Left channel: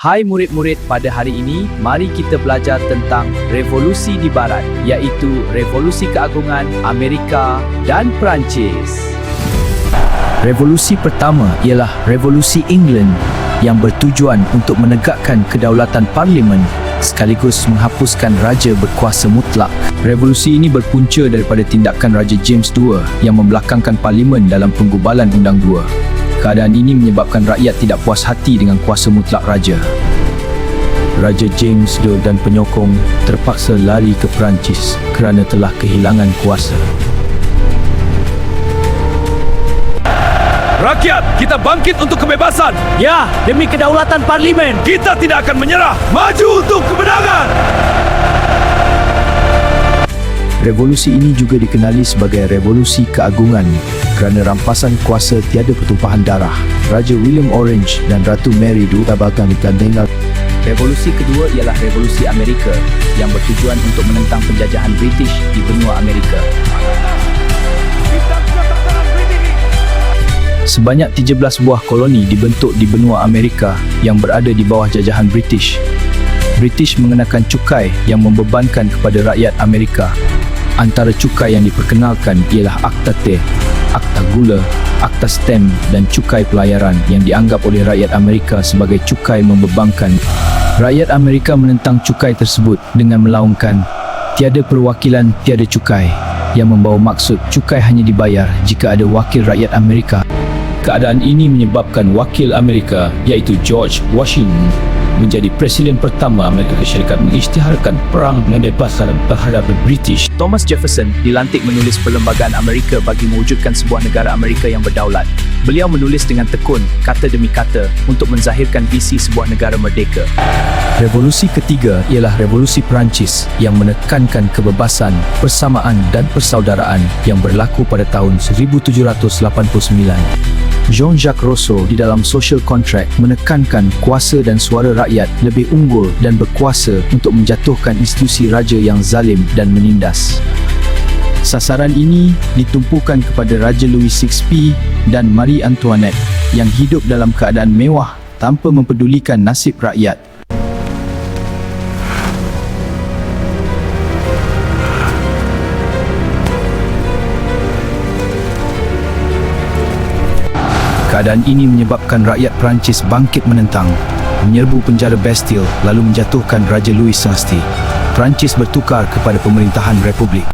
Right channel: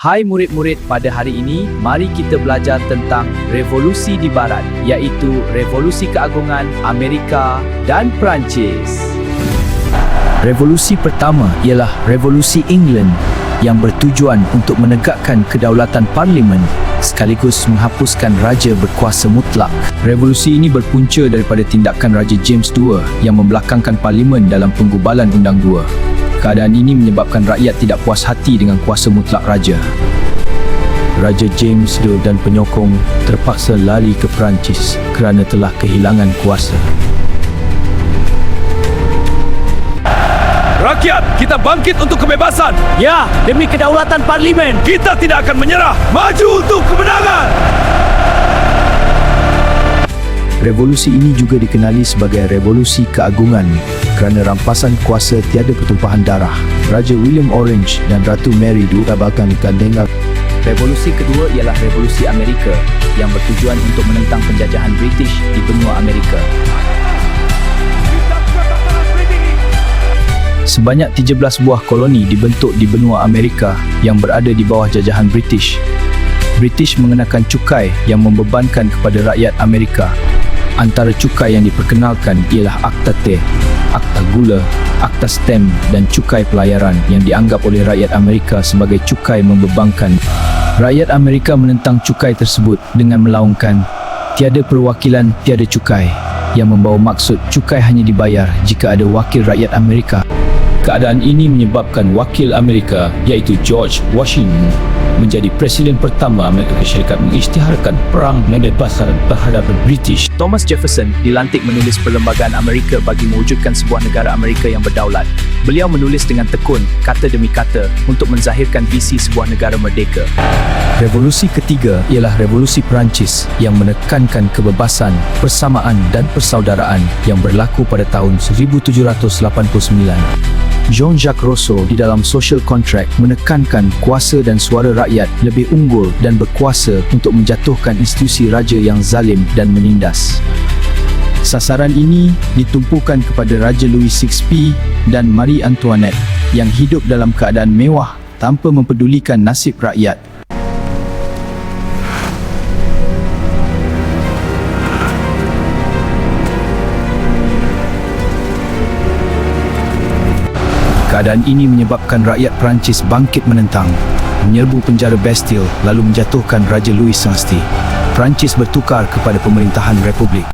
Hai murid-murid, pada hari ini, mari kita belajar tentang revolusi di barat, iaitu revolusi keagungan Amerika dan Perancis. Revolusi pertama ialah revolusi England yang bertujuan untuk menegakkan kedaulatan parlimen sekaligus menghapuskan raja berkuasa mutlak. Revolusi ini berpunca daripada tindakan Raja James II yang membelakangkan parlimen dalam penggubalan Undang 2. Keadaan ini menyebabkan rakyat tidak puas hati dengan kuasa mutlak raja. Raja James II dan penyokong terpaksa lari ke Perancis kerana telah kehilangan kuasa. Rakyat, kita bangkit untuk kebebasan. Ya, demi kedaulatan parlimen. Kita tidak akan menyerah. Maju untuk kemenangan. Revolusi ini juga dikenali sebagai revolusi keagungan kerana rampasan kuasa tiada pertumpahan darah. Raja William Orange dan Ratu Mary diubahkan gandeng. Revolusi kedua ialah revolusi Amerika yang bertujuan untuk menentang penjajahan British di benua Amerika. Sebanyak 13 buah koloni dibentuk di benua Amerika yang berada di bawah jajahan British. British mengenakan cukai yang membebankan kepada rakyat Amerika. Antara cukai yang diperkenalkan ialah Akta Teh, Akta Gula, Akta Stamp dan cukai pelayaran yang dianggap oleh rakyat Amerika sebagai cukai membebankan. Rakyat Amerika menentang cukai tersebut dengan melaungkan tiada perwakilan, tiada cukai, yang membawa maksud cukai hanya dibayar jika ada wakil rakyat Amerika. Keadaan ini menyebabkan wakil Amerika iaitu George Washington menjadi presiden pertama Amerika Syarikat mengisytiharkan perang pembebasan terhadap British. Thomas Jefferson dilantik menulis Perlembagaan Amerika bagi mewujudkan sebuah negara Amerika yang berdaulat. Beliau menulis dengan tekun, kata demi kata, untuk menzahirkan visi sebuah negara merdeka. Revolusi ketiga ialah revolusi Perancis yang menekankan kebebasan, persamaan dan persaudaraan yang berlaku pada tahun 1789. Jean-Jacques Rousseau di dalam Social Contract menekankan kuasa dan suara rakyat lebih unggul dan berkuasa untuk menjatuhkan institusi raja yang zalim dan menindas. Sasaran ini ditumpukan kepada Raja Louis XVI dan Marie Antoinette yang hidup dalam keadaan mewah tanpa mempedulikan nasib rakyat. Keadaan ini menyebabkan rakyat Perancis bangkit menentang, menyerbu penjara Bastille lalu menjatuhkan Raja Louis XVI. Perancis bertukar kepada pemerintahan Republik.